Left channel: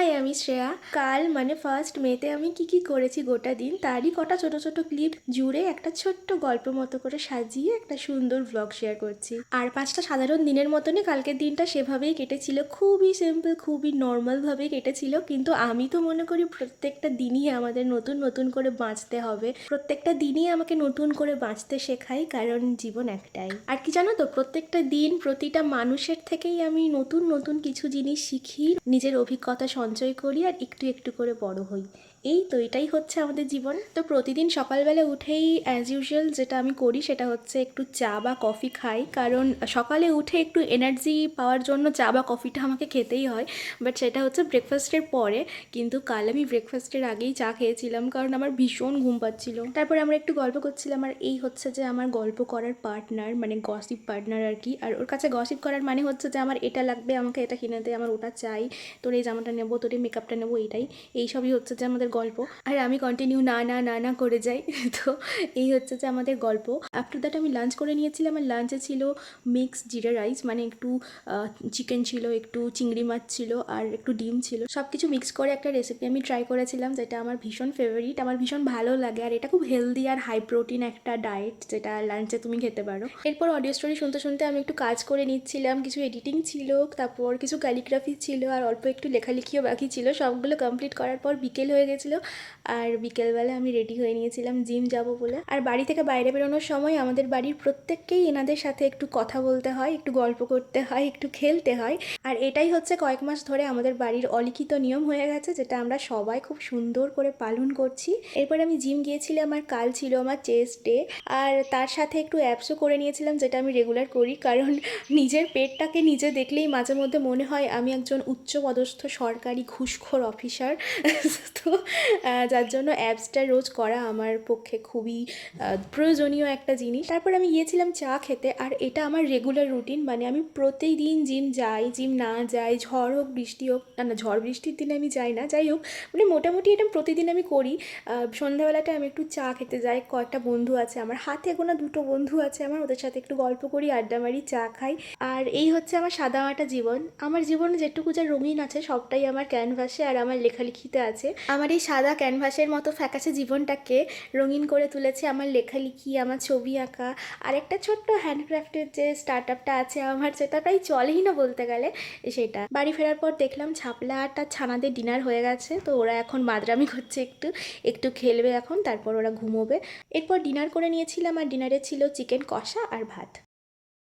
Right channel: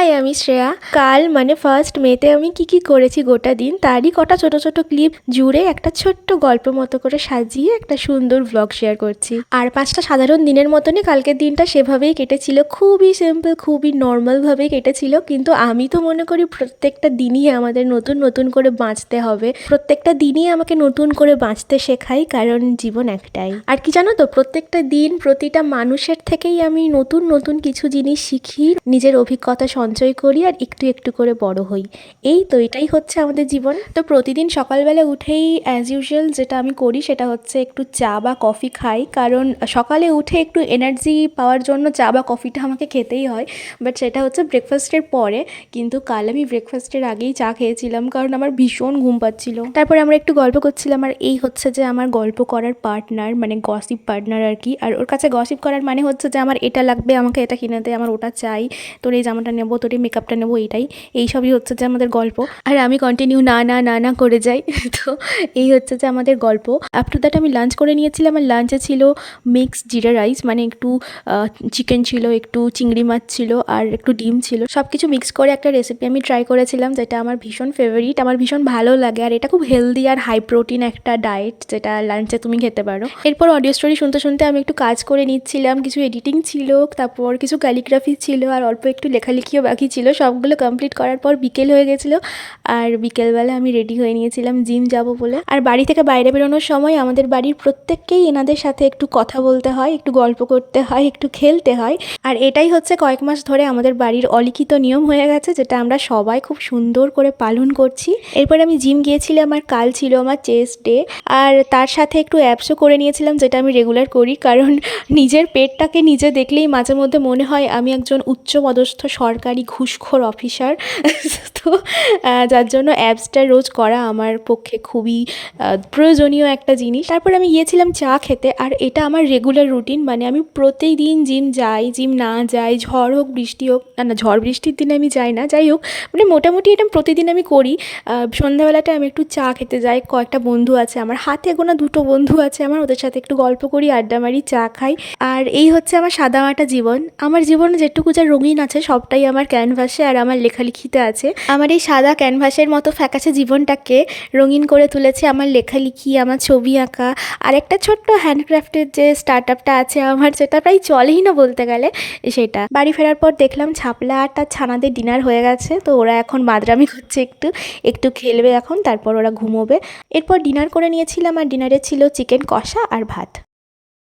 High, আমি শ্রেয়া। কাল মানে 1st মেতে আমি কি করেছি গোটা দিন তারই কটা ছোট ছোট ক্লিপ জুড়ে একটা ছোট্ট গল্প মতো করে সাজিয়ে একটা সুন্দর ভ্লগ শেয়ার করছি। আর 5টা সাধারণ দিনের মতনই কালকের দিনটা সেভাবেই কেটেছিল, খুবই সিম্পল, খুবই নর্মালভাবেই কেটেছিল। কিন্তু আমি তো মনে করি প্রত্যেকটা দিনই আমাদের নতুন নতুন করে বাঁচতে হবে, প্রত্যেকটা দিনই আমাকে নতুন করে বাঁচতে শেখাই, কারণ জীবন একটাই। আর কি জানো তো, প্রত্যেকটা দিন প্রতিটা মানুষের থেকেই আমি নতুন নতুন কিছু জিনিস শিখি, নিজের অভিজ্ঞতা সঞ্চয় করি আর একটু একটু করে বড় হই। এই তো, এটাই হচ্ছে আমাদের জীবন। তো প্রতিদিন সকালবেলা উঠেই অ্যাজ ইউজুয়াল যেটা আমি করি সেটা হচ্ছে একটু চা বা কফি খাই, কারণ সকালে উঠে একটু এনার্জি পাওয়ার জন্য চা বা কফিটা আমাকে খেতেই হয়। বাট সেটা হচ্ছে ব্রেকফাস্টের পরে। কিন্তু কাল আমি ব্রেকফাস্টের আগেই চা খেয়েছিলাম, কারণ আমার ভীষণ ঘুম পাচ্ছিল। তারপরে আমরা একটু গল্প করছিলাম, আর এই হচ্ছে যে আমার গল্প করার পার্টনার, মানে গসিপ পার্টনার আর কি। আর ওর কাছে গসিপ করার মানে হচ্ছে যে আমার এটা লাগবে, আমাকে এটা কিনে দে, আমার ওটা চাই, তোর এই জামাটা নেবো, তোর এই মেকআপটা নেবো, এইসবই হচ্ছে যে আমাদের গল্প। আর আমি কন্টিনিউ না না না না করে যাই। তো এই হচ্ছে যে আমাদের গল্প। আফটার দ্যাট আমি লাঞ্চ করে নিয়েছিলাম। আর লাঞ্চে ছিল মিক্সড জিরা রাইস, মানে একটু চিকেন ছিল, একটু চিংড়ি মাছ ছিল, আর একটু ডিম ছিল। সব কিছু মিক্স করে একটা রেসিপি আমি ট্রাই করেছিলাম, যেটা আমার ভীষণ ফেভারিট, আমার ভীষণ ভালো লাগে। আর এটা খুব হেলদি আর হাই প্রোটিন একটা ডায়েট, যেটা লাঞ্চে তুমি খেতে পারো। এরপর অডিও স্টোরি শুনতে শুনতে আমি একটু কাজ করে নিচ্ছিলাম, কিছু এডিটিং ছিল, তারপর কিছু ক্যালিগ্রাফি ছিল, আর অল্প একটু লেখালেখিও বাকি ছিল। সবগুলো কমপ্লিট করার পর বিকেল হয়ে গেছিলো। আর বিকেলবেলা আমি রেডি হয়ে নিয়েছিলাম জিম যাব বলে। আর বাড়ি থেকে বাইরে বেরোনোর সময় আমাদের বাড়ির প্রত্যেককেই এনাদের সাথে একটু কথা বলতে হয়, একটু গল্প করতে হয়, একটু খেলতে হয়। আর এটাই হচ্ছে কয়েক মাস ধরে আমাদের বাড়ির অলিখিত নিয়ম হয়ে গেছে, যেটা আমরা সবাই খুব সুন্দর করে পালন করছি। এরপর আমি জিম গিয়েছিলাম, আর কাল ছিল আমার চেস্ট ডে। আর তার সাথে একটু অ্যাপসও করে নিয়েছিলাম, যেটা আমি রেগুলার করি, কারণ নিজের পেটটাকে নিজে দেখলেই মাঝে মধ্যে মনে হয় আমি একজন উচ্চপদস্থ সরকারি ঘুষখোর অফিসার। তো যার জন্য অ্যাপসটা রোজ করা আমার পক্ষে খুবই প্রয়োজনীয় একটা জিনিস। তারপর আমি গিয়েছিলাম চা খেতে, আর এটা আমার রেগুলার রুটিন, মানে আমি প্রতিদিন জিম যাই, জিম না যাই, ঝড় হোক বৃষ্টি হোক, না ঝড় বৃষ্টির দিনে আমি যাই না, যাই হোক, মানে মোটামুটি এটা প্রতিদিন আমি করি। সন্ধ্যাবেলাটা আমি একটু চা খেতে যাই, কয়েকটা বন্ধু আছে আমার, হাতে গোনা 2টো বন্ধু আছে আমার, ওদের সাথে একটু গল্প করি, আড্ডা মারি, চা খাই। আর এই হচ্ছে আমার সাদামাটা জীবন। আমার জীবনে যেটুকু যা রঙিন আছে সবটাই আমার ক্যানভাসে আর আমার লেখালেখিতে আছে। আমার এই সাদা ক্যানভাসের মতো ফ্যাকাশে জীবনটাকে রঙিন করে তুলেছে আমার লেখালেখি, আমার ছবি আঁকা, আর একটা ছোট্ট হ্যান্ডক্রাফটের যে স্টার্ট আপটা আছে আমার, যেটা প্রায় চলেই না বলতে গেলে, সেটা। বাড়ি ফেরার পর দেখলাম ছাপলা আর তার ছানাদের ডিনার হয়ে গেছে, তো ওরা এখন মাদরামি করছে, একটু একটু খেলবে এখন, তারপর ওরা ঘুমোবে। এরপর ডিনার করে নিয়েছিলাম, আর ডিনারে ছিল চিকেন কষা আর ভাত।